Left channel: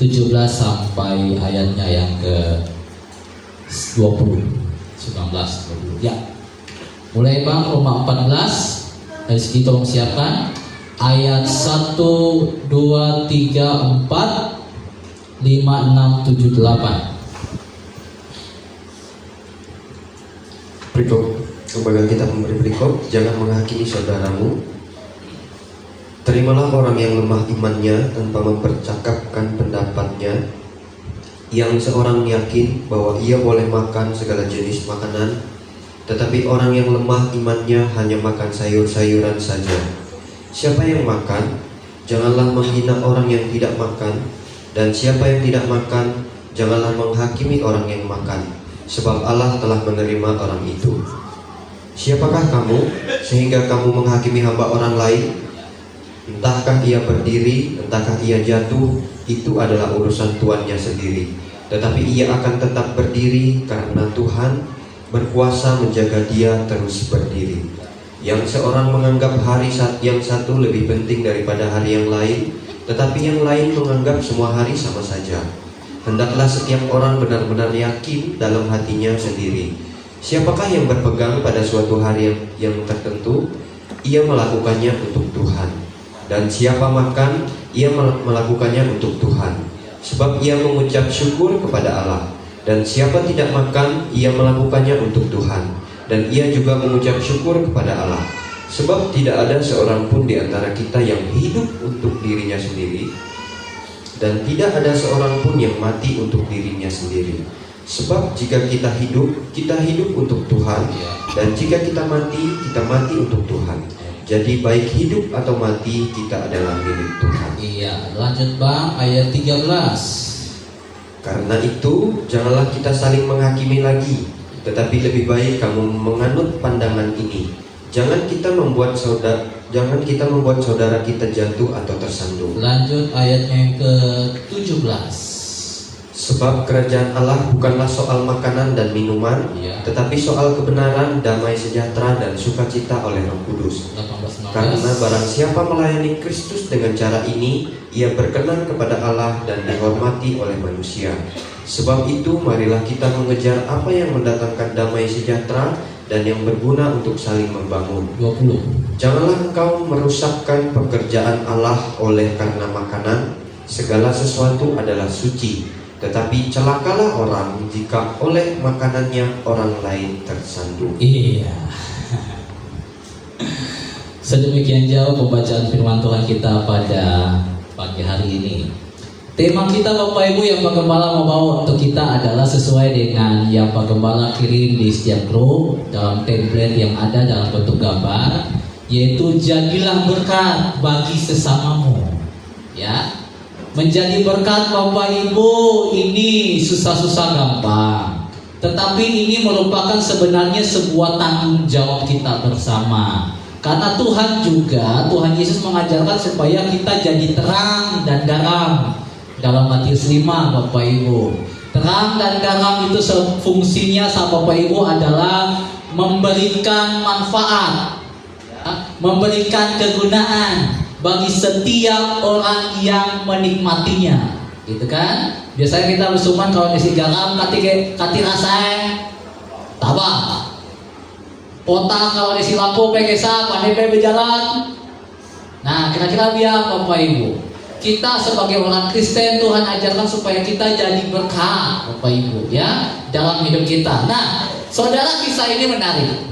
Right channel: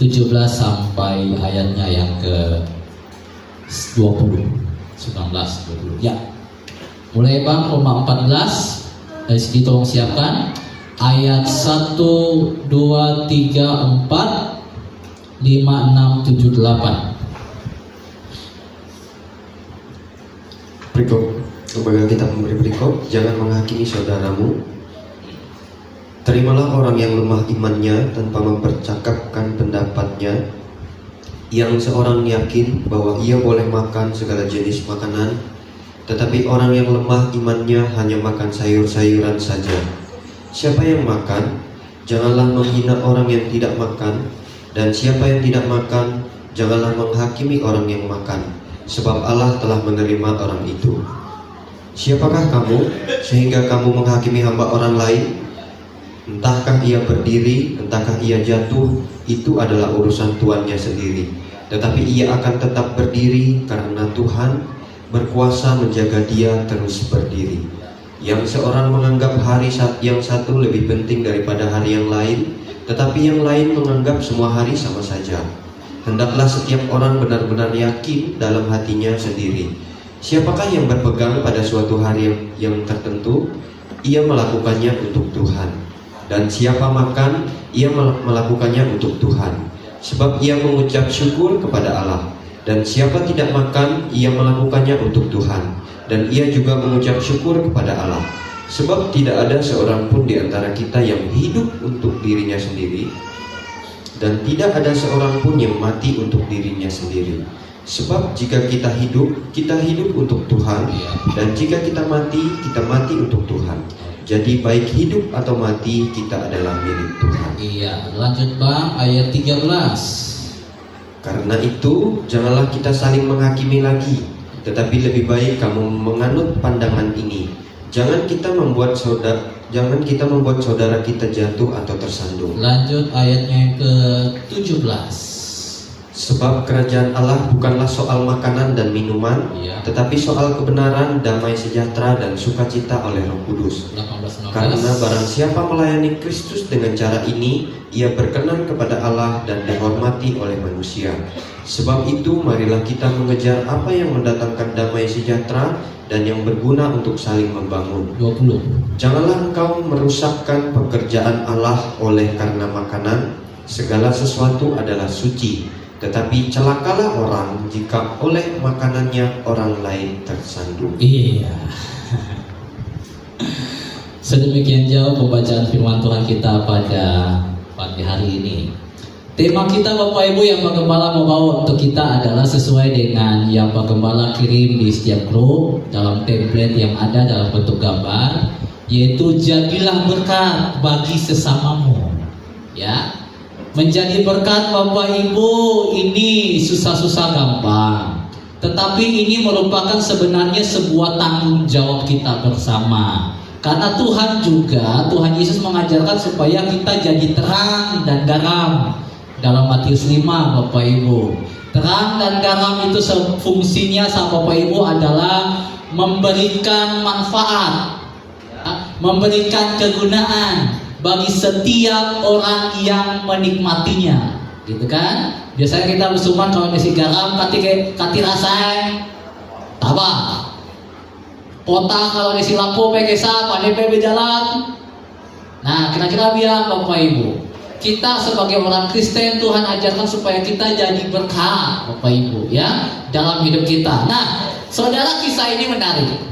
17 sampai ayatnya yang ke 20, 19, 20. Ya. Mulai Bang, Roma 14. Dari segi tolong siapkan. Ayat 1, 2, 3, 4, 5, 6, 7, 8. Berikut pemegang kitab memberi berikut, jangan menghakimi saudaramu. Terimalah orang yang lemah imannya tanpa mempercakapkan pendapatnya, yang seorang yakin bahwa ia boleh makan segala jenis makanan, tetapi orang yang lemah imannya hanya makan sayur-sayuran saja. Siapa yang makan, janganlah menghina orang yang tidak makan, dan siapa yang tidak makan, janganlah menghakimi orang yang makan, sebab Allah telah menerima orang itu. Siapakah kamu sehingga kamu menghakimi hamba orang lain? Entahkah ia berdiri, entahkah ia jatuh, itu adalah urusan tuannya sendiri. Tetapi ia akan tetap berdiri karena Tuhan berkuasa menjaga dia terus berdiri. Yang seorang menganggap hari yang satu lebih penting daripada hari yang lain, tetapi yang lain menganggap semua hari sama saja. Hendaklah setiap orang benar-benar yakin dalam hatinya sendiri. Siapakah yang berpegang pada suatu hari yang tertentu, ia melakukannya untuk Tuhan. Dan siapa makan, ia melakukannya untuk Tuhan, sebab ia mengucap syukur kepada Allah. Dan siapa tidak makan, ia melakukannya untuk Tuhan, dan ia juga mengucap syukur kepada Allah. Sebab tidak ada seorang pun di antara kita yang hidup untuk dirinya sendiri, dan tidak ada seorang pun yang mati untuk dirinya sendiri. Sebab jika kita hidup untuk Tuhan, dan jika kita mati untuk Tuhan. Jadi baik hidup atau mati, kita adalah milik Tuhan. Iya, lanjut Bang, ayat 13. Karena itu, janganlah kita saling menghakimi lagi, tetapi lebih baik kamu menganut pandangan ini. Jangan kita membuat saudara kita jatuh atau tersandung. Lanjut ayatnya yang ke-17. Sebab kerajaan Allah bukanlah soal makanan dan minuman, tetapi soal kebenaran, damai sejahtera, dan sukacita oleh Roh Kudus. 18. Karena barang siapa melayani Kristus dengan cara ini, ia berkenan kepada Allah dan dihormati oleh manusia. Sebab itu marilah kita mengejar apa yang mendatangkan damai sejahtera dan yang berguna untuk saling membangun. 20. Janganlah engkau merusakkan pekerjaan Allah oleh karena makanan. Segala sesuatu adalah suci, tetapi celakalah orang jika oleh makanannya orang lain tersandung. Iya. Sedemikian jauh pembacaan firman Tuhan kita pada pagi hari ini. Tema kita Bapak Ibu yang Pak Gembala membawa untuk kita adalah sesuai dengan yang Pak Gembala kirim di setiap grup dalam template yang ada dalam bentuk gambar, yaitu jadilah berkat bagi sesamamu. Ya. Menjadi berkat Bapak Ibu ini susah-susah gampang, tetapi ini merupakan sebenarnya sebuah tanggung jawab kita bersama. Karena Tuhan Yesus mengajarkan supaya kita jadi terang dan garam. Dalam Matius 5 Bapak Ibu, terang dan garam itu fungsinya sama Bapak Ibu adalah memberikan manfaat, memberikan kegunaan bagi setiap orang yang menikmatinya, gitu kan? Biasanya kita musuhan kalau isi garam, kati rasanya, tabah. Potang kalau isi lampu, pekesa, pandai berjalan. Nah, kira-kira biar Bapak Ibu, kita sebagai orang Kristen Tuhan ajarkan supaya kita jadi berkah, Bapak Ibu, ya, dalam hidup kita. Nah, saudara, kisah ini menarik.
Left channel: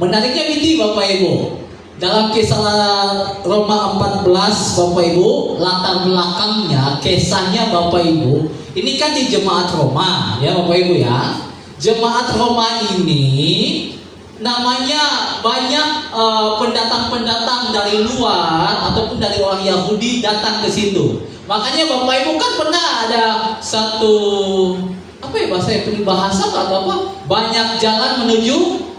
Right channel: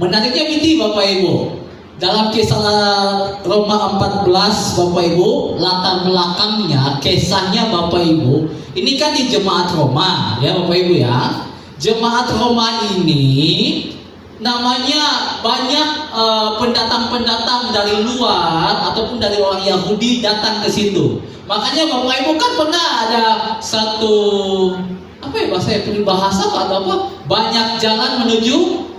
Menariknya ini Bapak Ibu. Dalam kisah Roma 14 Bapak Ibu, latar belakangnya, kisahnya Bapak Ibu, ini kan di jemaat Roma, ya Bapak Ibu ya. Jemaat Roma ini namanya banyak pendatang-pendatang dari luar ataupun dari orang Yahudi datang ke situ. Makanya Bapak Ibu kan pernah ada satu bahasa atau apa? Banyak jalan menuju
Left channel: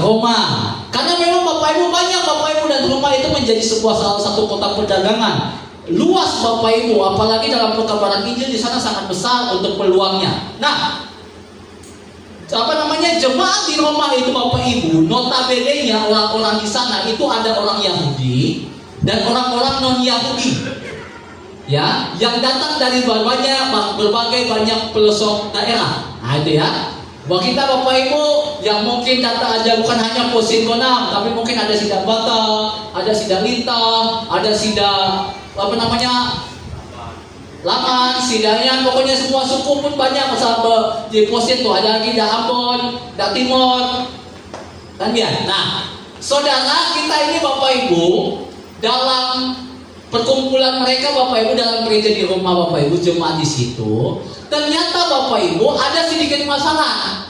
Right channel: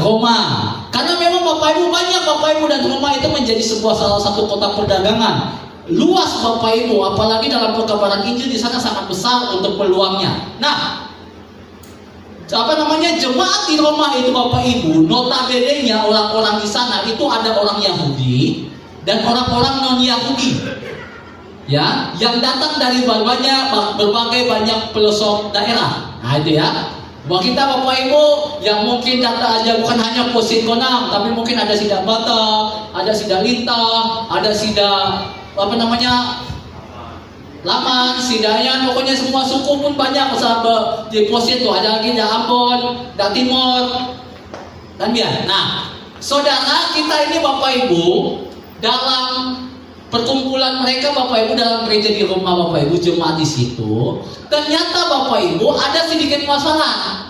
Roma. Karena memang Bapak Ibu banyak Bapak Ibu, dan Roma itu menjadi salah satu kota perdagangan. Luas Bapak Ibu, apalagi dalam perkabaran Injil di sana sangat besar untuk peluangnya. Nah, jemaat di Roma itu Bapak Ibu, notabene-nya orang-orang di sana itu ada orang Yahudi dan orang-orang non Yahudi. ya, yang datang dari berbagai banyak pelosok daerah. Nah itu ya. Buat kita Bapak Ibu yang mungkin datang aja bukan hanya Posin Gonang, tapi mungkin ada Sidang Bata, ada Sidang Lintang, ada Sidang Laman, Sidayan, pokoknya semua suku pun banyak. Sahabat di Posin tuh ada lagi Ambon, Timur, dan ya. Nah, saudara kita ini Bapak Ibu dalam perkumpulan mereka Bapak Ibu dalam gereja di rumah Bapak Ibu jemaat di situ, ternyata Bapak Ibu ada sedikit masalah.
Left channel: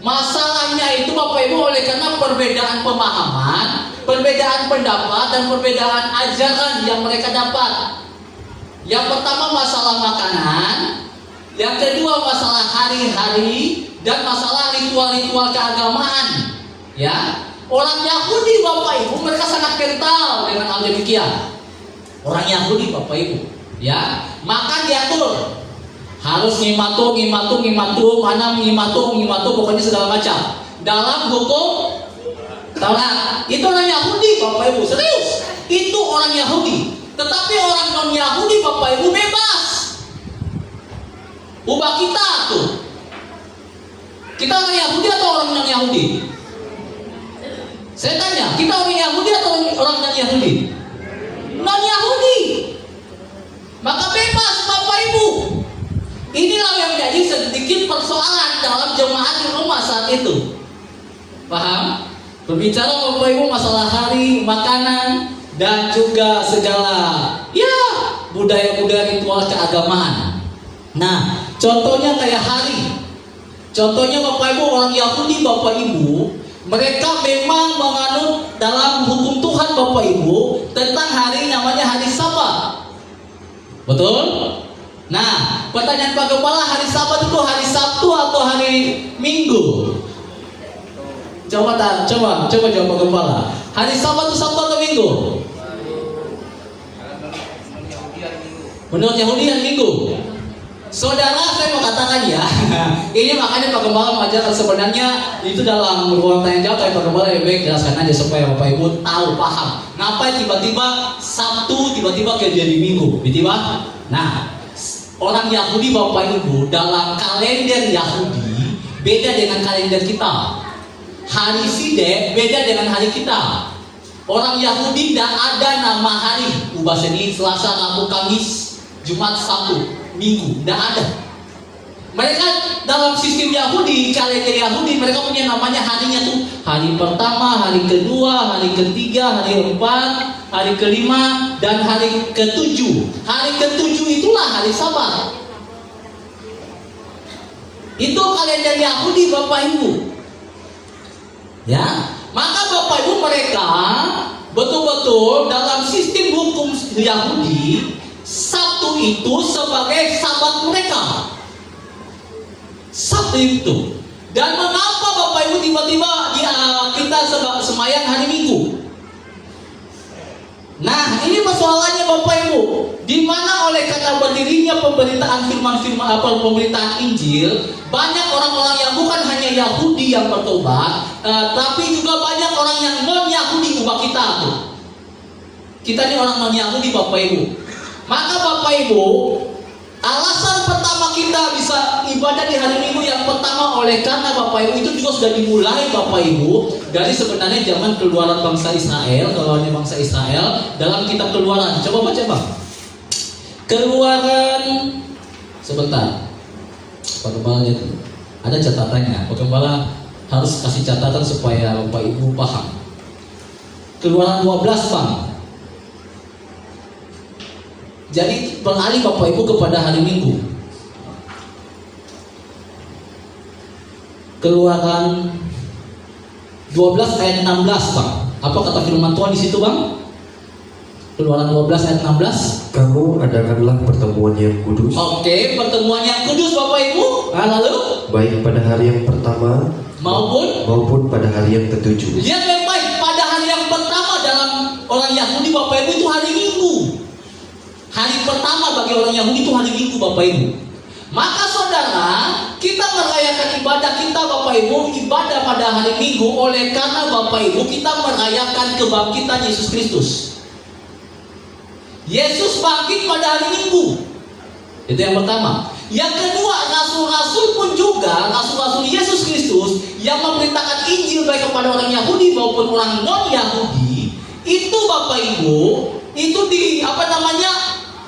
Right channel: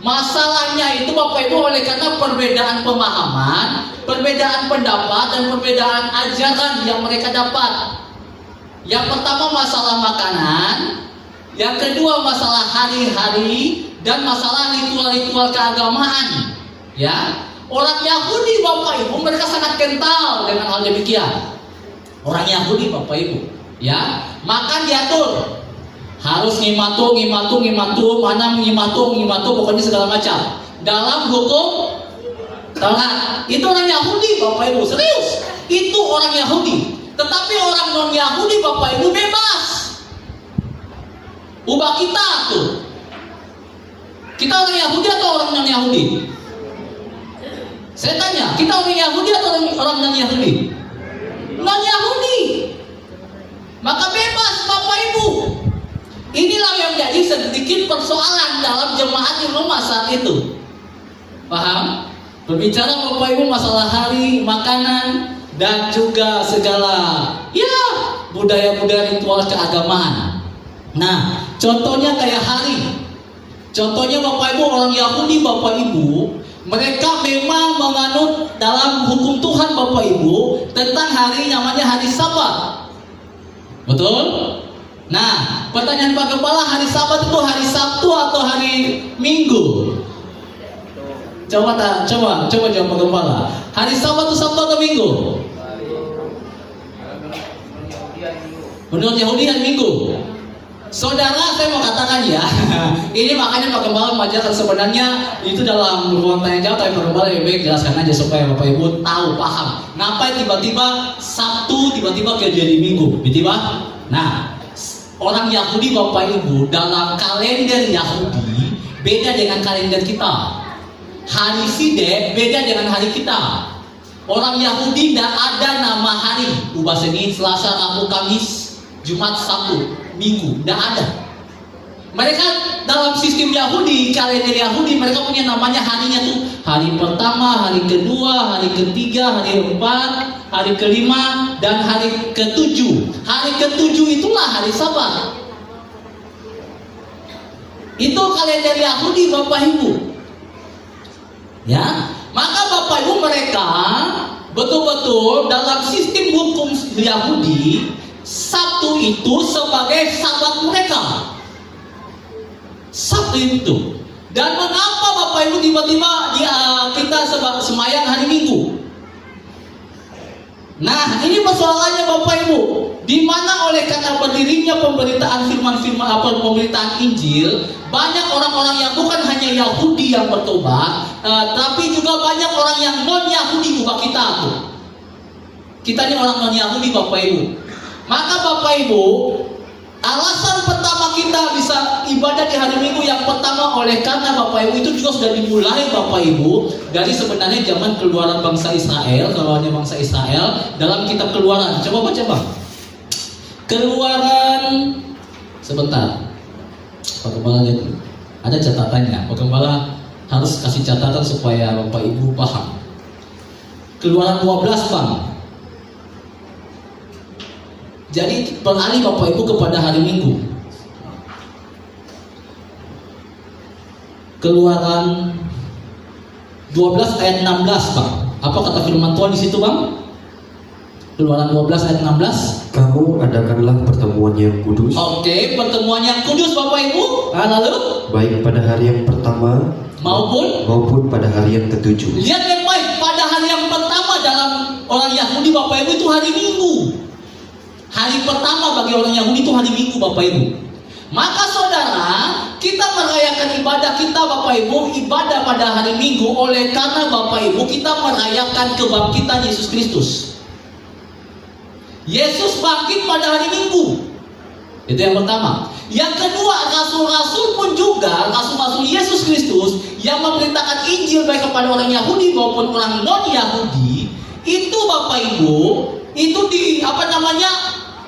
Masalahnya itu Bapak Ibu oleh karena perbedaan pemahaman, perbedaan pendapat dan perbedaan ajaran yang mereka dapat. Yang pertama masalah makanan, yang kedua masalah hari-hari dan masalah ritual-ritual keagamaan. Ya, orang Yahudi Bapak Ibu mereka sangat kental dengan hal demikian. Orang Yahudi Bapak Ibu, ya, makan diatur, harus ngimatu, pokoknya segala macam. Dalam hukum Taurat, itu orang Yahudi Bapak Ibu, serius, itu orang Yahudi. Tetapi orang non Yahudi Bapak Ibu bebas. Ubah kita tuh. Kita orang Yahudi atau orang non Yahudi? Saya tanya, kita orang Yahudi atau orang non Yahudi? Non Yahudi. Maka bebas Bapak Ibu. Inilah yang jadi sedikit persoalan dalam jemaat di rumah saat itu. Paham? Berbicara Bapak Ibu masalah hari, makanan, dan juga segala ya budaya-budaya ritual keagamaan. Nah, contohnya kayak hari. Contohnya Bapak Ibu orang Yahudi Bapak Ibu, mereka memang menganut dalam hukum Tuhan Bapak Ibu tentang hari namanya hari Sabat. Betul? Nah, pertanyaan Pak Kepala, hari Sabat itu hari Sabtu atau hari Minggu? Coba jawab Pak Kepala. Hari Sabat itu Sabtu atau Minggu? Menurut Yahudi hari Minggu. Saudara, saya mau katakan ya, ini makanya Pak Gembala mengajarkan sebenarnya itu dalam ruang tanya jawab, tapi Pak Gembala lebih baik jelaskan aja supaya Bapak Ibu tahu, paham. Ngapain tiba-tiba Sabtu, tiba-tiba jadi Minggu, tiba-tiba. Nah, orang Yahudi Bapak Ibu dalam kalender Yahudi beda dengan kalender kita. Hari Sidek beda dengan hari kita. Orang Yahudi tidak ada nama hari. Ubah Senin, Selasa, Rabu, Kamis, Jumat, Sabtu, Minggu, tidak ada. Mereka dalam sistem Yahudi, kalender Yahudi, mereka punya namanya harinya tuh hari pertama, hari kedua, hari ketiga, hari keempat, hari kelima, dan hari ketujuh. Hari ketujuh itulah hari Sabat. Itu kalender Yahudi Bapak Ibu. Ya, maka Bapak Ibu mereka betul-betul dalam sistem hukum Yahudi, Sabtu itu sebagai Sabat mereka. Sabtu itu. Dan mengapa Bapak Ibu tiba-tiba kita semayang hari Minggu? Nah, ini persoalannya Bapak Ibu. Di mana oleh karena berdirinya pemberitaan firman-firman pemberitaan Injil, banyak orang-orang yang bukan hanya Yahudi yang bertobat, tapi juga banyak orang yang non Yahudi ubah kita tuh. Kita ini orang non Yahudi Bapak Ibu. Maka Bapak Ibu, alasan pertama kita bisa ibadah di hari Minggu yang pertama oleh karena Bapak Ibu itu juga sudah dimulai Bapak Ibu dari sebenarnya zaman keluaran bangsa Israel, kalau ada bangsa Israel dalam kitab Keluaran. Coba baca Bang. Keluaran sebentar. Pak Gembala ada catatannya. Pak Gembala harus kasih catatan supaya Bapak Ibu paham. Keluaran 12 Bang. Jadi beralih Bapak Ibu kepada hari Minggu. Keluaran 12 ayat 16 Bang. Apa kata firman Tuhan di situ Bang? Keluaran 12 ayat 16. Kamu adakanlah pertemuan yang kudus. Oke, pertemuan yang kudus Bapak Ibu. Lalu baik pada hari yang pertama maupun pada hari yang ketujuh. Lihat yang baik, pada hari yang pertama dalam orang Yahudi Bapak Ibu itu hari Minggu. Hari pertama bagi orang Yahudi itu hari Minggu Bapak Ibu. Maka saudara, kita merayakan ibadah kita Bapak Ibu, ibadah pada hari Minggu oleh karena Bapak Ibu kita merayakan kebangkitan Yesus Kristus. Yesus bangkit pada hari Minggu. Itu yang pertama. Yang kedua, rasul-rasul pun juga, rasul-rasul Yesus Kristus yang memberitakan Injil baik kepada orang Yahudi maupun orang non-Yahudi, itu Bapak Ibu, itu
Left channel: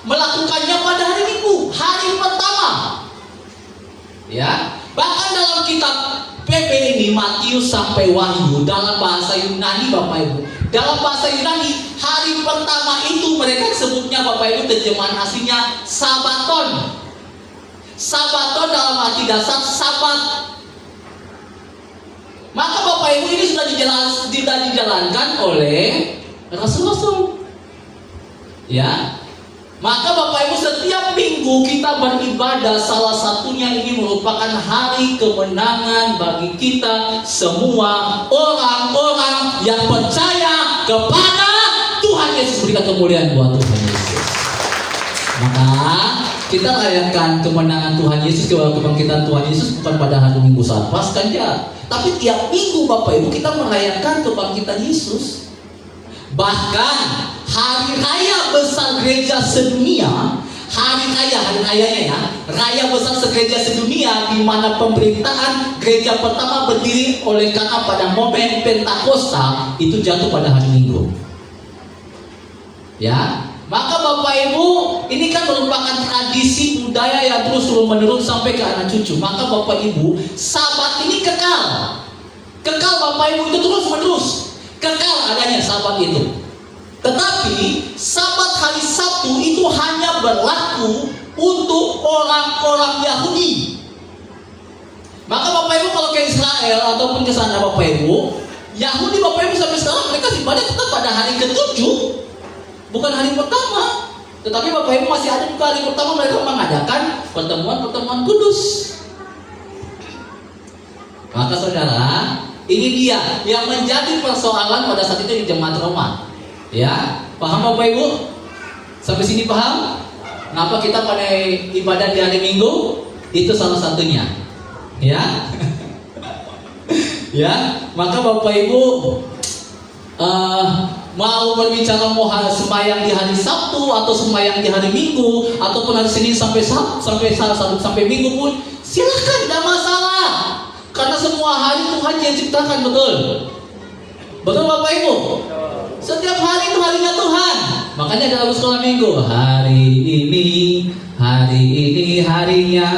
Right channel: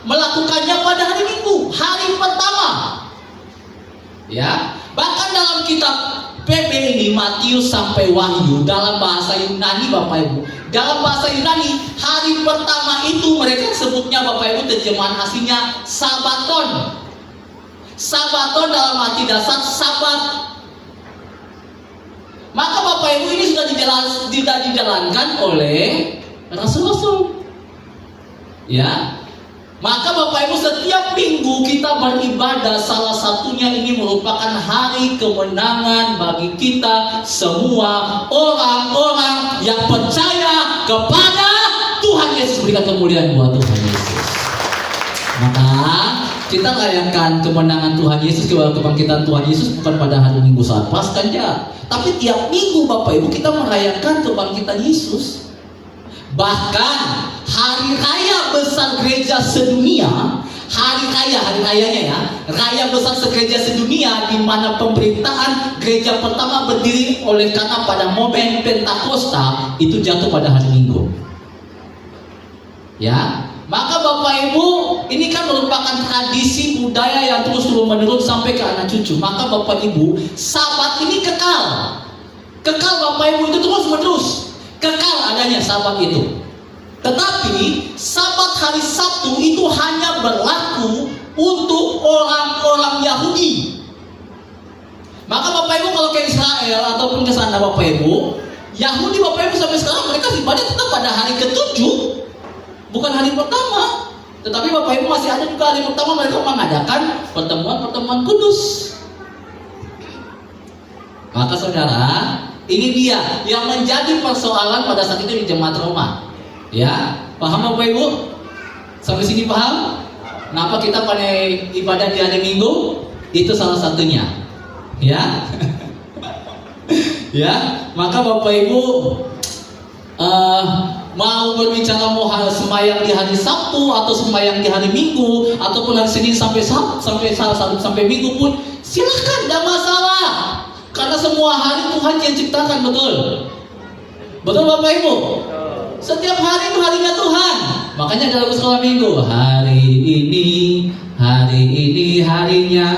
melakukannya pada hari Minggu, hari pertama. Ya, bahkan dalam kitab PP ini Matius sampai Wahyu dalam bahasa Yunani Bapak Ibu. Dalam bahasa Yunani, hari pertama itu mereka sebutnya Bapak Ibu, terjemahan aslinya Sabaton. Sabaton dalam arti dasar Sabat. Maka Bapak Ibu ini sudah dijalankan oleh rasul-rasul. Ya. Maka Bapak Ibu setiap minggu kita beribadah, salah satunya ini merupakan hari kemenangan bagi kita semua orang-orang yang percaya kepada Tuhan Yesus. Berikan kemuliaan buat Tuhan Yesus. Maka kita rayakan kemenangan Tuhan Yesus, kebangkitan Tuhan Yesus bukan pada hari Minggu saat Paskah, tapi tiap minggu Bapak Ibu kita merayakan kebangkitan Yesus. Bahkan hari raya besar gereja sedunia, hari rayanya ya, raya besar gereja sedunia, di mana pemerintahan gereja pertama berdiri oleh karena pada momen Pentakosta itu jatuh pada hari Minggu. Ya, maka Bapak Ibu, ini kan merupakan tradisi budaya yang terus menerus sampai ke anak cucu. Maka Bapak Ibu, Sabat ini kekal Bapak Ibu, itu terus menerus kekal adanya Sabat itu. Tetapi Sabat hari Sabtu itu hanya berlaku untuk orang-orang Yahudi. Maka Bapak Ibu kalau ke Israel ataupun ke sana Bapak Ibu, Yahudi Bapak Ibu sampai sekarang mereka ibadah tetap pada hari ke-7, bukan hari pertama. Tetapi Bapak Ibu masih ada juga hari pertama mereka mengadakan pertemuan kudus. Maka saudara, ini dia yang menjadi persoalan pada saat itu di jemaat Roma. Ya, paham Bapak Ibu? Sampai sini paham? Kenapa kita pada ibadah di hari Minggu? Itu salah satunya. Ya. Ya, maka Bapak Ibu mau berbicara mau sembahyang di hari Sabtu atau sembahyang di hari Minggu ataupun hari Senin sampai Minggu pun silahkan, tidak masalah. Karena semua hari Tuhan yang ciptakan, betul? Betul Bapak Ibu? Setiap hari itu harinya Tuhan. Makanya dalam sekolah minggu, hari ini harinya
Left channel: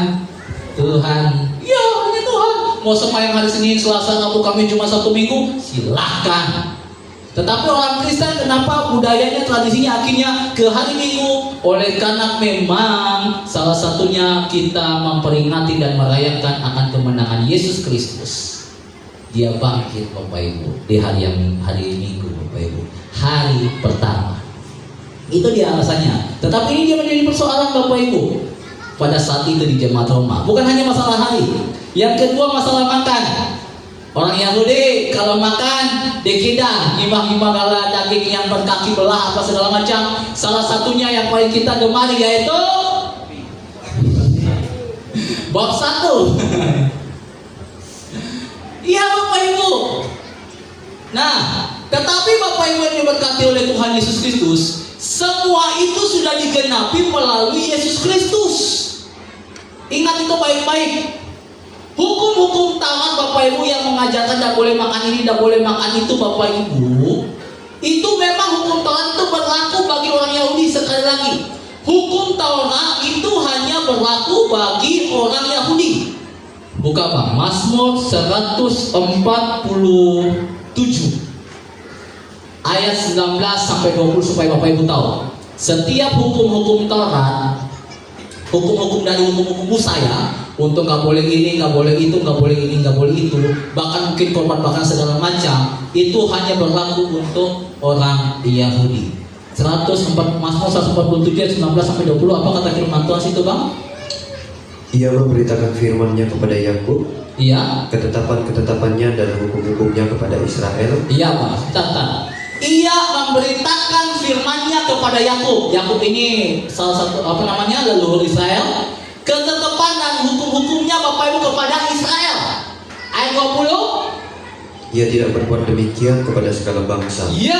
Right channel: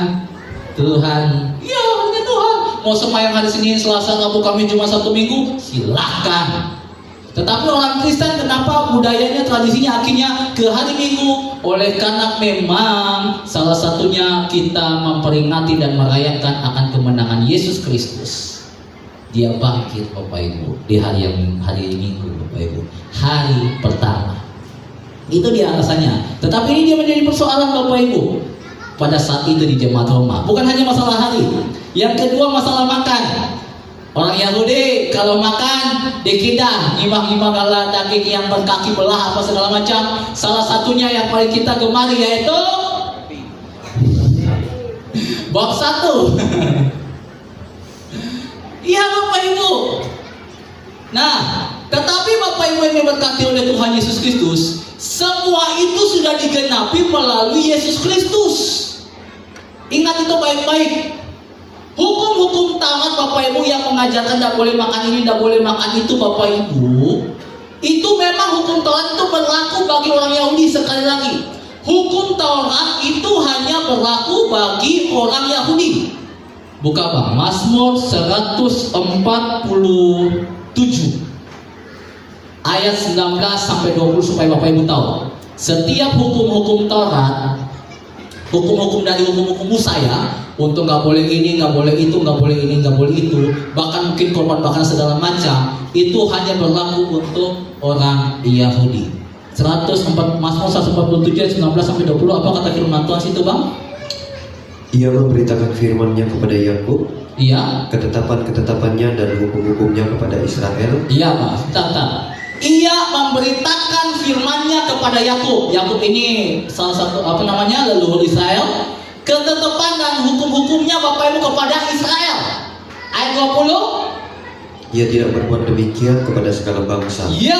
Tuhan. Ya, harinya Tuhan. Mau sembahyang hari Senin, Selasa, Rabu, Kamis, Jumat, Sabtu, Minggu, silahkan. Tetapi orang Kristen kenapa budayanya, tradisinya akhirnya ke hari Minggu? Oleh karena memang salah satunya kita memperingati dan merayakan akan kemenangan Yesus Kristus. Dia bangkit Bapak Ibu di hari Minggu Bapak Ibu, hari pertama. Itu dia alasannya. Tetapi ini dia menjadi persoalan Bapak Ibu pada saat itu di jemaat Roma. Bukan hanya masalah hari. Yang kedua masalah makan. Orang Yahudi kalau makan dikidah, nimbang-nimbang ala daging yang berkaki belah apa segala macam. Salah satunya yang paling kita gemari yaitu bab 1. Iya Bapak Ibu. Nah, tetapi Bapak Ibu yang diberkati oleh Tuhan Yesus Kristus, semua itu sudah digenapi melalui Yesus Kristus. Ingat itu baik-baik. Hukum-hukum Taurat Bapak Ibu yang mengajarkan tidak boleh makan ini, tidak boleh makan itu Bapak Ibu, itu memang hukum Taurat itu berlaku bagi orang Yahudi. Sekali lagi, hukum Taurat itu hanya berlaku bagi orang Yahudi. Buka Bang, Mazmur 147 ayat 19 sampai 20 supaya Bapak Ibu tahu. Setiap hukum-hukum Taurat, hukum-hukum dari hukum-hukum Musa ya, untuk nggak boleh ini, nggak boleh itu, nggak boleh ini, nggak boleh itu, bahkan mungkin korban bahkan segala macam, itu hanya berlaku untuk orang Yahudi. Mazmur 147 ayat 19 sampai 20, apa kata firman Tuhan situ Bang? Ia memberitakan firman-Nya kepada Yakub, iya, ketetapan-ketetapannya dan hukum-hukumnya kepada Israel. Iya Pak, tata. Ia memberitakan firman-Nya kepada Yakub. Yakub ini salah satu leluhur Israel. Ketetapan dan hukum-hukumnya Bapak Ibu kepada Israel. Ayat 20. Ia tidak berbuat demikian kepada segala bangsa. Ya.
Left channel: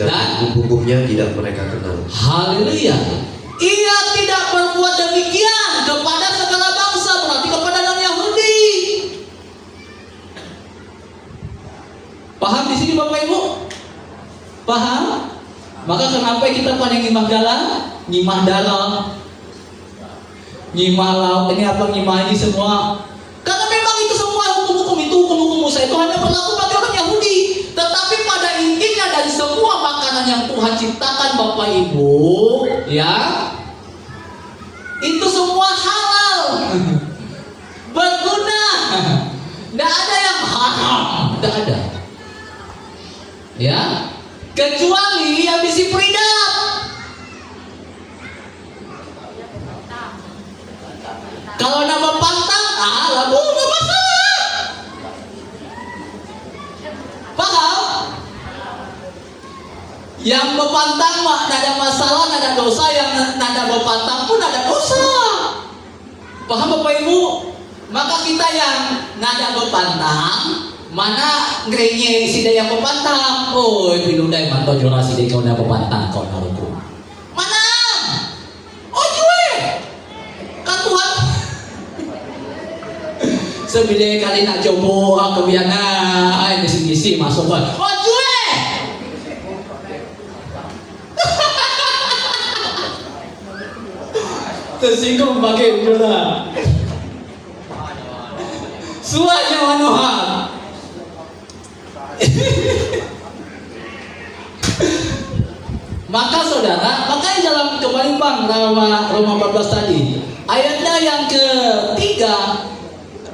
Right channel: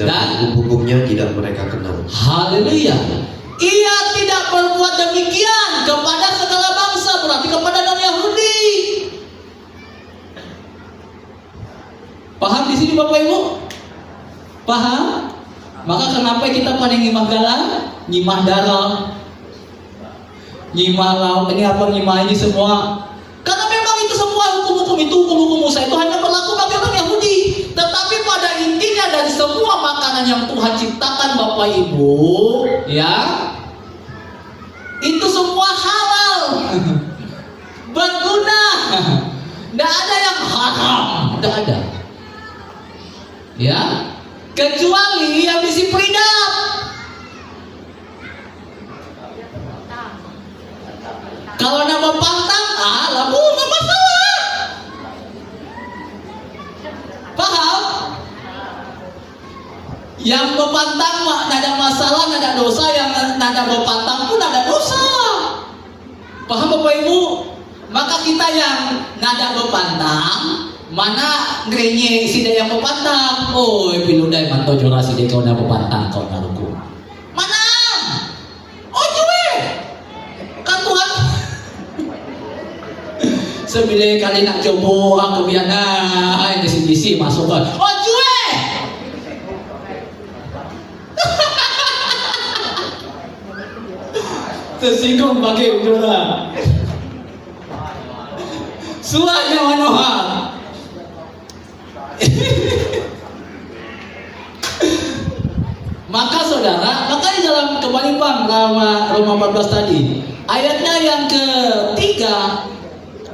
dan hukum-hukumnya tidak mereka kenal. Haleluya. Ia tidak berbuat demikian kepada segala bangsa, berarti kepada orang Yahudi. Paham di sini Bapak Ibu? Paham? Maka kenapa kita pada ngimah galang, ngimah darah, ngimah lauk, ini apa ngimah ini semua? Karena memang itu semua hukum-hukum itu, hukum-hukum Musa itu hanya berlaku bagi orang Yahudi. Tetapi pada intinya dari semua makanan yang Tuhan ciptakan Bapak Ibu, ya, itu semua halal, berguna, tidak ada yang haram, tidak ada. Ya, kecuali yang bisi peridap. Kalau ada pantang, lalu nggak masalah. Paham? Yang berpantang mah tidak ada masalah, tidak ada dosa. Yang tidak berpantang pun ada dosa. Paham Bapak Ibu? Maka kita yang nada berpantang, mana ngerenye si yang berpantang. Oh, piludai mantau jora si kau yang berpantang kau naruku. Mana? Oh jue, kan Tuhan. Sebila kali nak coba aku biana, ay bisi-bisi masuk kan. Oh jue. Tersinggung pakai jora. Suanya manohar. Maka saudara, maka di dalam kembali Bang Roma 14 tadi, ayatnya yang ketiga,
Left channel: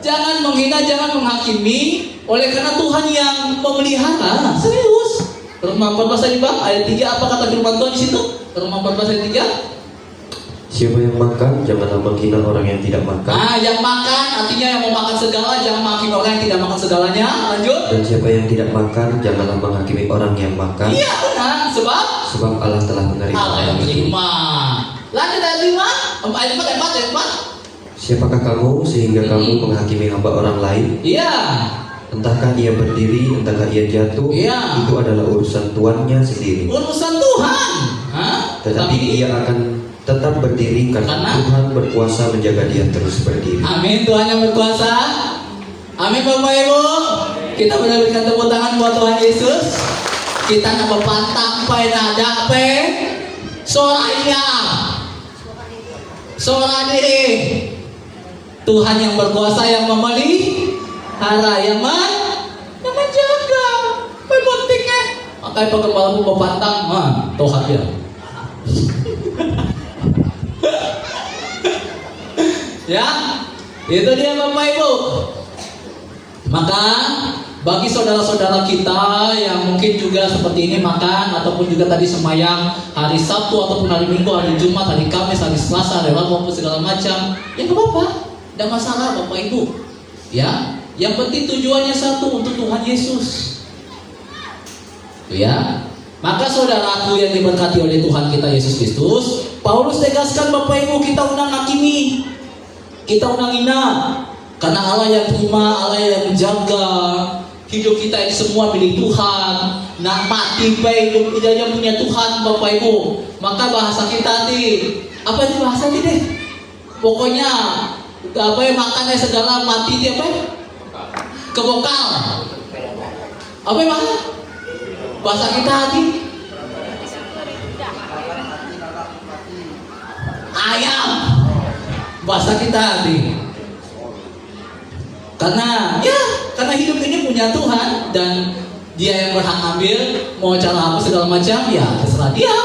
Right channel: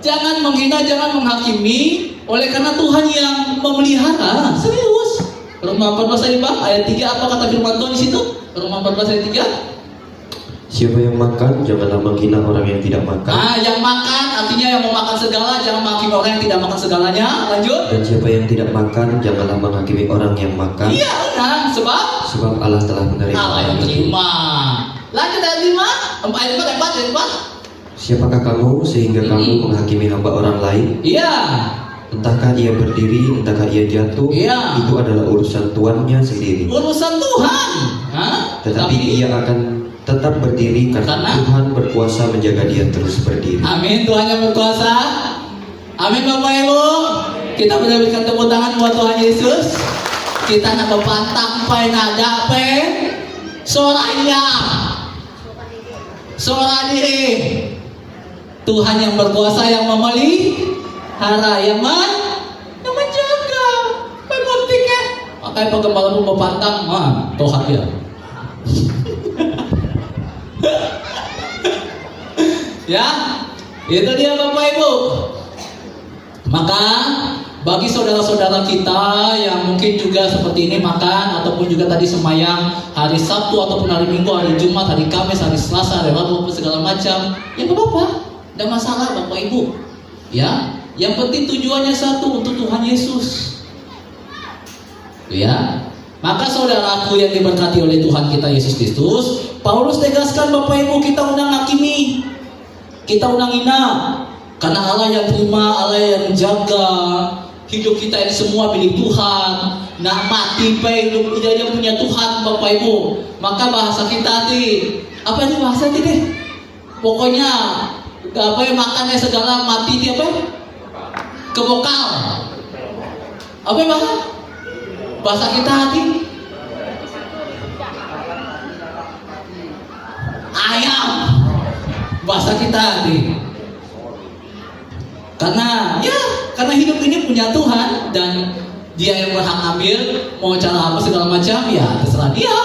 jangan menghina, jangan menghakimi, oleh karena Tuhan yang memelihara. Serius. Roma 14 tadi Bang, ayat 3 apa kata firman Tuhan di situ? Roma 14 ayat 3. Siapa yang makan, janganlah menghina orang yang tidak makan. Nah, yang makan artinya yang mau makan segala, jangan menghakimi orang yang tidak makan segalanya. Lanjut. Dan siapa yang tidak makan, janganlah menghakimi orang yang makan. Iya benar, sebab Allah telah menerima. Allah yang menerima. Lanjut ayat 5, ayat 4. Siapakah kamu sehingga kamu menghakimi hamba orang lain? Iya. Entahkah ia berdiri, entahkah ia jatuh, Iya. itu adalah urusan tuannya sendiri. Urusan Tuhan. Hah? Tetapi ia akan tetap berdiri karena Tuhan berkuasa menjaga dia terus berdiri. Amin, Tuhan yang berkuasa. Amin Bapak Ibu. Kita berikan tepuk tangan buat Tuhan Yesus. Kita nak berpantang pai nada pe soraya. Sora diri. Tuhan yang berkuasa yang memelihara, yang menjaga. Pembentiknya. Makanya pegembalamu berpantang, Tuhan dia. Ya, itu dia Bapak Ibu. Maka bagi saudara-saudara kita yang mungkin juga seperti ini makan ataupun juga tadi semayang hari Sabtu ataupun hari Minggu, hari Jumat, hari Kamis, hari Selasa, hari Rabu maupun segala macam, ya nggak apa-apa, tidak masalah Bapak Ibu. Ya, yang penting tujuannya satu, untuk Tuhan Yesus. Ya, maka saudaraku yang diberkati oleh Tuhan kita Yesus Kristus, Paulus tegaskan Bapak Ibu, kita undang hakimi, kita undang hina, karena Allah yang terima, Allah yang menjaga hidup kita ini semua milik Tuhan. Nak mati baik hidup kita yang punya Tuhan Bapak Ibu. Maka bahasa kita tadi, apa itu bahasa tadi deh? Pokoknya apa yang makannya segala mati dia apa? Kebokal. Apa ya bahasa kita tadi? Ayam. Bahasa kita tadi. Karena hidup ini punya Tuhan dan dia yang berhak ambil, mau cara apa segala macam ya terserah dia.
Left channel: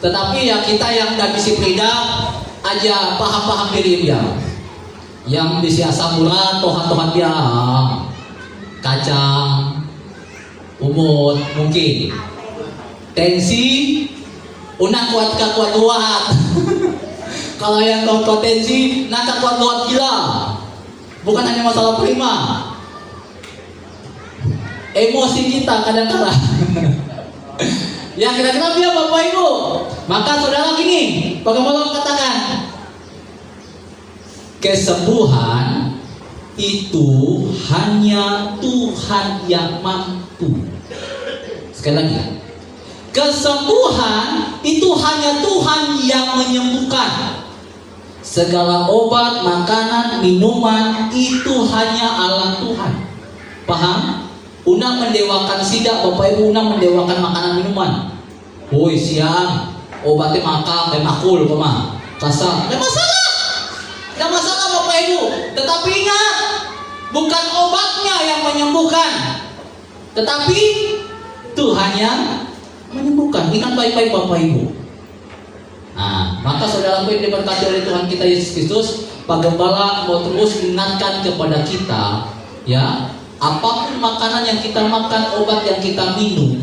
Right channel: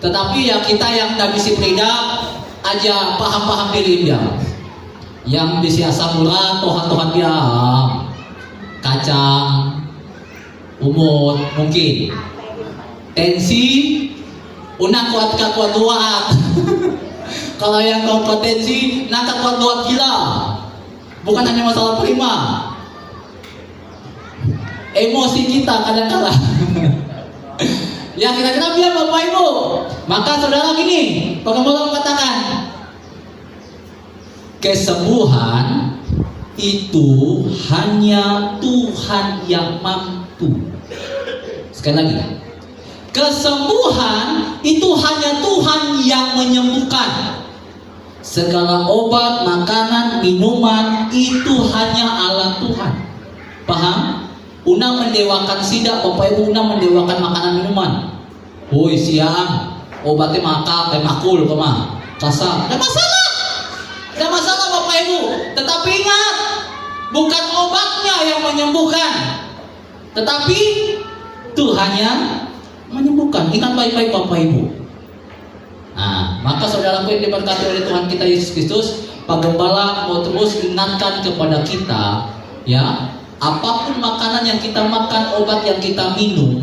Tetapi ya kita yang tidak bisa beda aja paham-paham diri dia. Yang bisa samuran Tuhan dia kacang, umut mungkin tensi, unang kuat. Kalau yang kau potensi nanti kuat gila. Bukan hanya masalah prima, emosi kita kadang-kadang. Ya kira-kira biar Bapak Ibu. Maka saudara gini, Pengembala katakan, kesembuhan itu hanya Tuhan yang mampu. Sekali lagi, Kesembuhan itu hanya Tuhan yang menyembuhkan. Segala obat, makanan, minuman itu hanya Allah Tuhan. Paham? Unang mendewakan sidak, Bapak Ibu, unang mendewakan makanan minuman. Woi siang, obatnya makan, kayak makul, kemah kasar. Ada masalah. Ada masalah Bapak Ibu. Tetapi ingat, bukan obatnya yang menyembuhkan, tetapi Tuhan yang menyembuhkan. Ingat baik-baik Bapak Ibu. Nah, maka saudaraku yang diberkati oleh Tuhan kita Yesus Kristus, Pak Gembala mau terus ingatkan kepada kita, ya, apapun makanan yang kita makan, obat yang kita minum,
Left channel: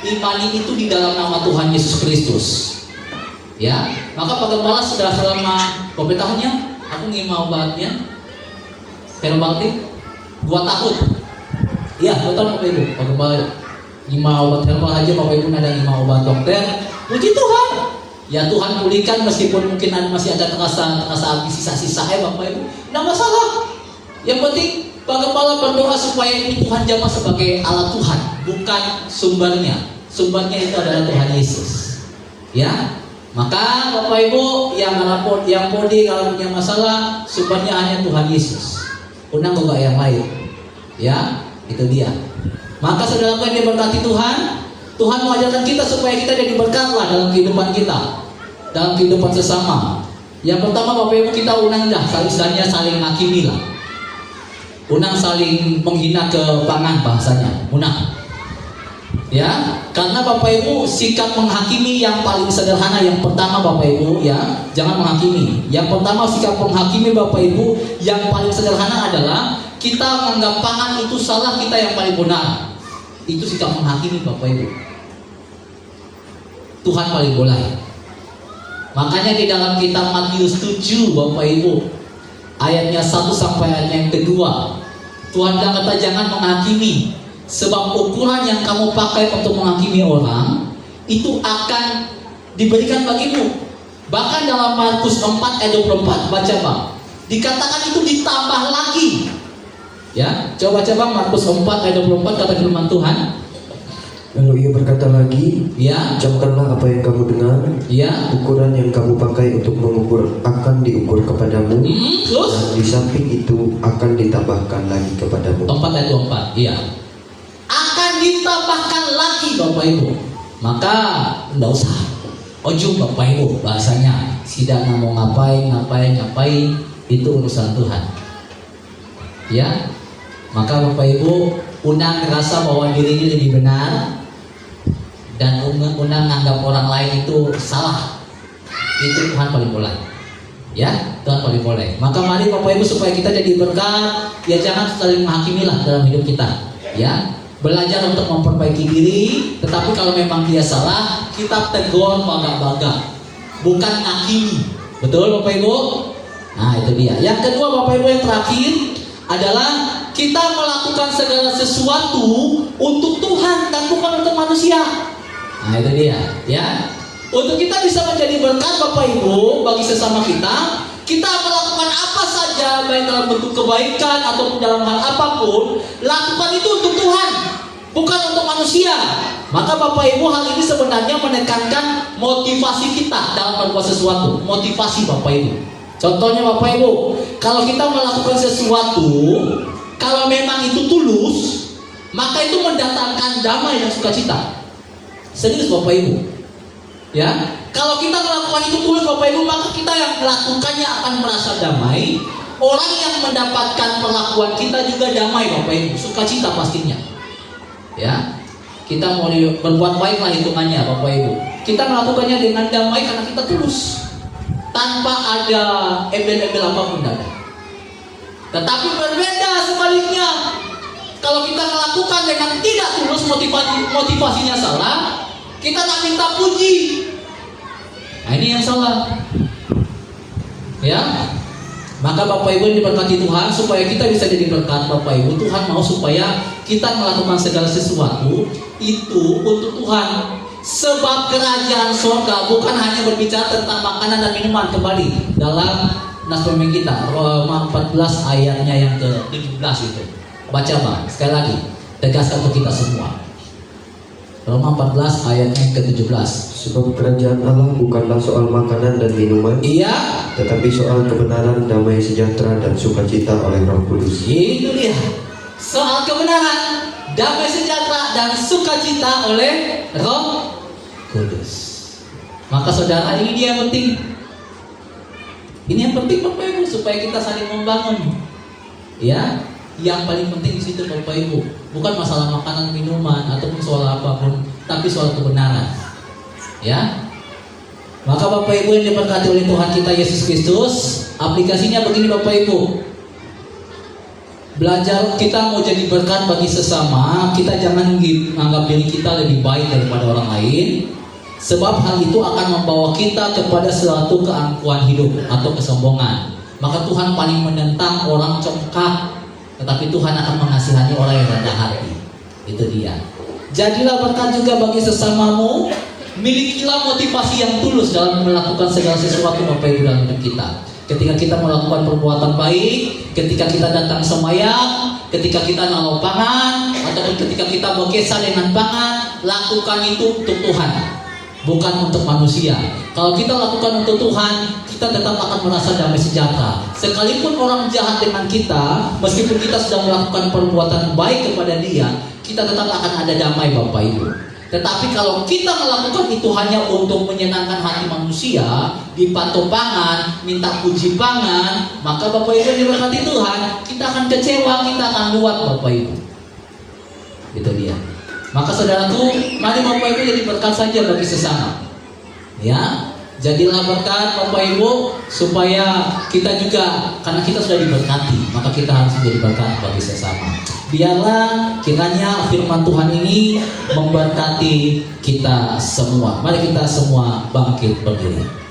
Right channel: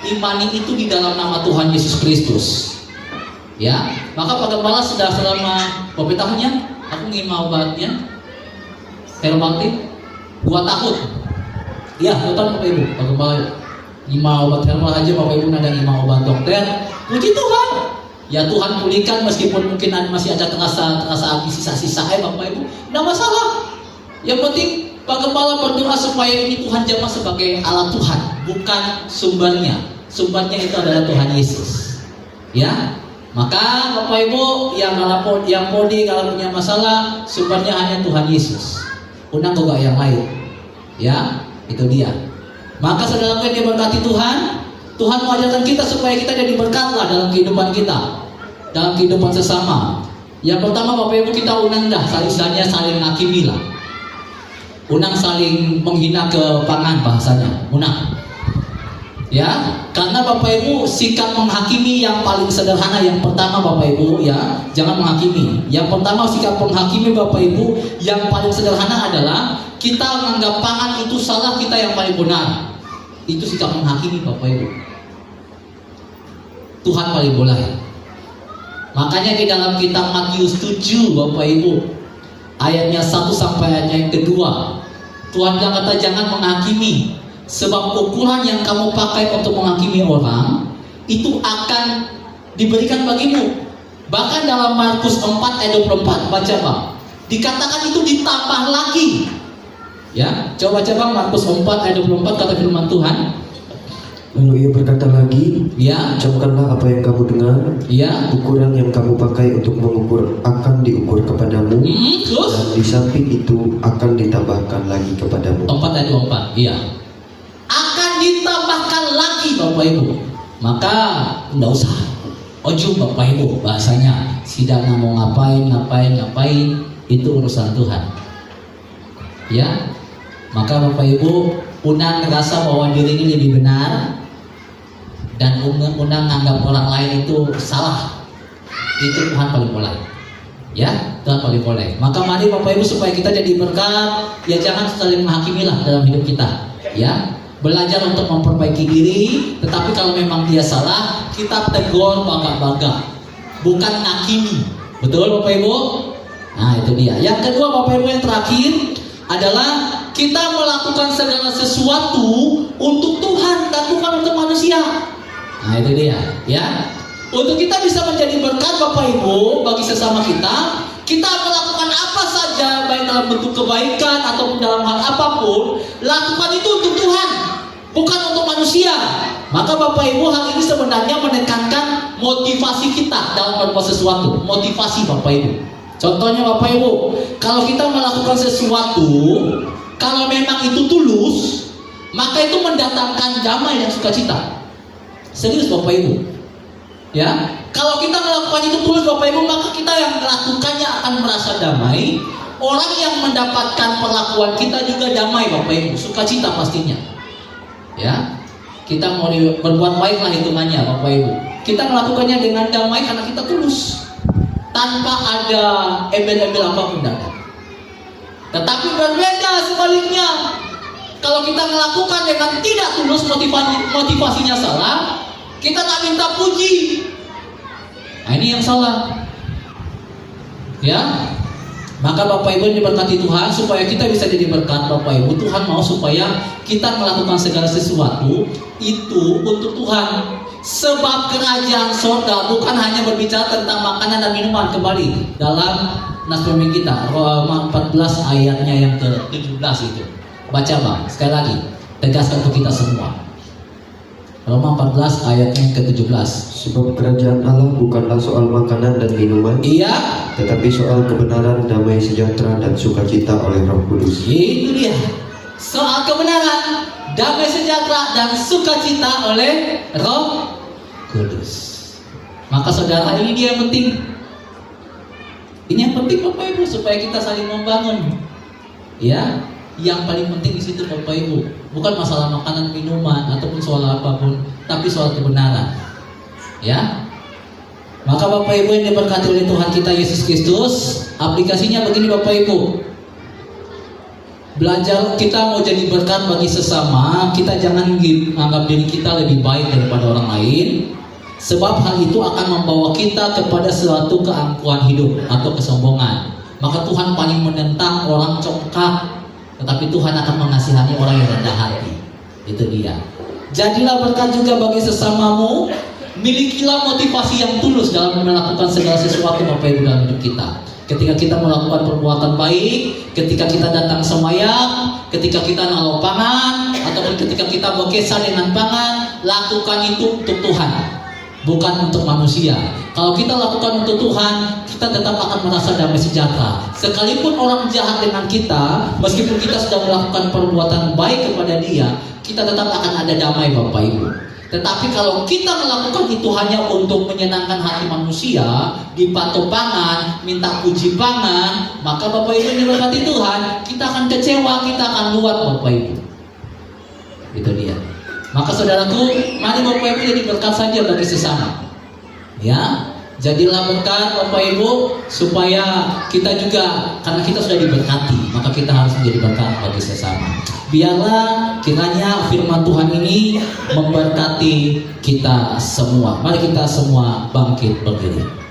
imani itu di dalam nama Tuhan Yesus Kristus. Ya, maka Pak Gembala sudah selama berapa tahunnya? Aku ngimau obatnya. Terbakti 2 tahun. Iya, 2 tahun Bapak Ibu. Pak Gembala ngimau obat termal aja Bapak Ibu ada ngimau obat dokter. Puji Tuhan. Ya Tuhan pulihkan meskipun mungkin masih ada terasa sisa-sisa Bapak Ibu. Tidak masalah. Yang penting Pak Gembala berdoa supaya ini Tuhan jamaah sebagai alat Tuhan, bukan sumbernya. Sumbernya itu adalah Tuhan Yesus. Ya. Maka Bapak Ibu yang podi kalau punya masalah, sumbernya hanya Tuhan Yesus. Unang juga yang lain. Ya, itu dia. Maka saudara yang diberkati Tuhan, Tuhan mengajarkan kita supaya kita jadi berkatlah dalam kehidupan kita, dalam kehidupan sesama. Yang pertama Bapak Ibu kita unang dah, misalnya saling menghakimi lah. Unang saling menghina ke pangan bahasanya, unang. Ya, karena Bapak Ibu sikap menghakimi yang paling sederhana yang pertama Bapak Ibu ya, jangan menghakimi. Yang pertama sikap menghakimi Bapak Ibu yang paling sederhana adalah kita menganggap pangan itu salah, kita yang paling benar. Itu sikap menghakimi Bapak Ibu. Tuhan paling boleh. Makanya di dalam kitab Matius 7 Bapak Ibu ayatnya 1 sampai ayatnya yang kedua, Tuhan kata jangan menghakimi, sebab ukuran yang kamu pakai untuk menghakimi orang itu akan diberikan bagimu. Bahkan dalam Markus 4 ayat 24 baca Pak, dikatakan itu ditambah lagi. Ya, coba Markus 4 ayat 24 kata firman Tuhan. Lalu ia berkata lagi, ya, camkanlah apa yang kamu dengar, ya, ukuran yang kamu pakai untuk mengukur akan diukur kepadamu, terus dan di samping itu akan ditambahkan lagi kepadamu. 4 ayat 24, iya. Akan ditambahkan lagi Bapak Ibu. Maka enggak usah ojo Bapak Ibu bahasanya. Sidang mau ngapain itu urusan Tuhan. Ya. Maka Bapak Ibu unang ngerasa bahwa diri ini lebih benar dan unang anggap orang lain itu salah. Itu Tuhan paling boleh. Ya, Tuhan paling boleh. Maka mari Bapak Ibu supaya kita jadi berkat, ya jangan saling menghakimilah dalam hidup kita. Ya. Belajar untuk memperbaiki diri, tetapi kalau memang dia salah, kita tegur bangga-bangga, bukan ngakimi. Betul Bapak Ibu? Nah itu dia. Yang kedua Bapak Ibu yang terakhir adalah kita melakukan segala sesuatu untuk Tuhan dan bukan untuk manusia. Nah itu dia. Ya. Untuk kita bisa menjadi berkat Bapak Ibu bagi sesama kita, kita melakukan apa saja baik dalam bentuk kebaikan ataupun dalam hal apapun, lakukan itu untuk Tuhan, bukan untuk manusia. Maka Bapak Ibu hal ini sebenarnya menekankan motivasi kita dalam berbuat sesuatu. Motivasi Bapak Ibu. Contohnya Bapak Ibu, kalau kita melakukan sesuatu, kalau memang itu tulus, maka itu mendatangkan damai dan sukacita. Serius Bapak Ibu. Ya, kalau kita melakukan itu tulus Bapak Ibu, maka kita yang melakukannya akan merasa damai. Orang yang mendapatkan perlakuan kita juga damai Bapak Ibu, sukacita pastinya. Ya, kita mau berbuat baik lah hitungannya Bapak Ibu. Kita melakukannya dengan damai karena kita tulus, tanpa ada embel-embel apapun ada. Tetapi berbeda sebaliknya, kalau kita melakukan dengan tidak tulus, motivasinya salah, kita tak minta puji. Nah ini yang salah. Ya. Maka Bapak Ibu diberkati Tuhan supaya kita bisa jadi berkat Bapak Ibu. Tuhan mau supaya kita melakukan segala sesuatu itu untuk Tuhan. Sebab kerajaan surga bukan hanya berbicara tentang makanan dan minuman. Kembali dalam nas pemimpin kita Roma 14 ayatnya yang ke-17 itu. Baca Pak, sekali lagi tegaskan untuk kita semua. Roma 14 ayatnya ke-17. Sebab kerajaan Allah bukanlah soal makanan dan minuman, Iya, tetapi soal kebenaran, damai sejahtera, dan sukacita oleh Roh Kudus. itu dia. Soal kebenaran, damai sejahtera, dan sukacita oleh Roh Kudus. Maka saudara, ini dia yang penting. Ini yang penting Bapak Ibu, supaya kita saling membangun. Ya, yang paling penting di situ Bapak Ibu, bukan masalah makanan, minuman, ataupun soal apapun, tapi soal kebenaran. Ya, maka Bapak Ibu yang diberkati oleh Tuhan kita Yesus Kristus, aplikasinya begini Bapak Ibu. Belajar kita mau jadi berkat bagi sesama, kita jangan menganggap diri kita lebih baik daripada orang lain, sebab hal itu akan membawa kita kepada suatu keangkuhan hidup atau kesombongan. Maka Tuhan paling menentang orang congkak, tetapi Tuhan akan mengasihani orang yang rendah hati. Itu dia. Jadilah berkat juga bagi sesamamu. Milikilah motivasi yang tulus dalam melakukan segala sesuatu Bapak Ibu dalam hidup kita. Ketika kita melakukan perbuatan baik, ketika kita datang sembahyang, ketika kita nolong pangan, ataupun ketika kita berkesah dengan pangan, lakukan itu untuk Tuhan, bukan untuk manusia. Kalau kita lakukan untuk Tuhan, kita tetap akan merasa damai sejahtera. Sekalipun orang jahat dengan kita, meskipun kita sudah melakukan perbuatan baik kepada dia, kita tetap akan ada damai Bapak Ibu. Tetapi kalau kita melakukan itu hanya untuk menyenangkan hati manusia, dipatok pangan, minta puji pangan, maka Bapak Ibu diberkati Tuhan, kita akan kecewa, kita akan luat Bapak Ibu. Itu dia. Maka saudaraku, mari Bapak Ibu jadi berkat saja bagi sesama. Ya, jadilah berkat Bapak Ibu, supaya kita juga, karena kita sudah diberkati, maka kita harus menjadi berkat bagi sesama. Biarlah kiranya firman Tuhan ini memberkati kita semua. Mari kita semua bangkit berdiri.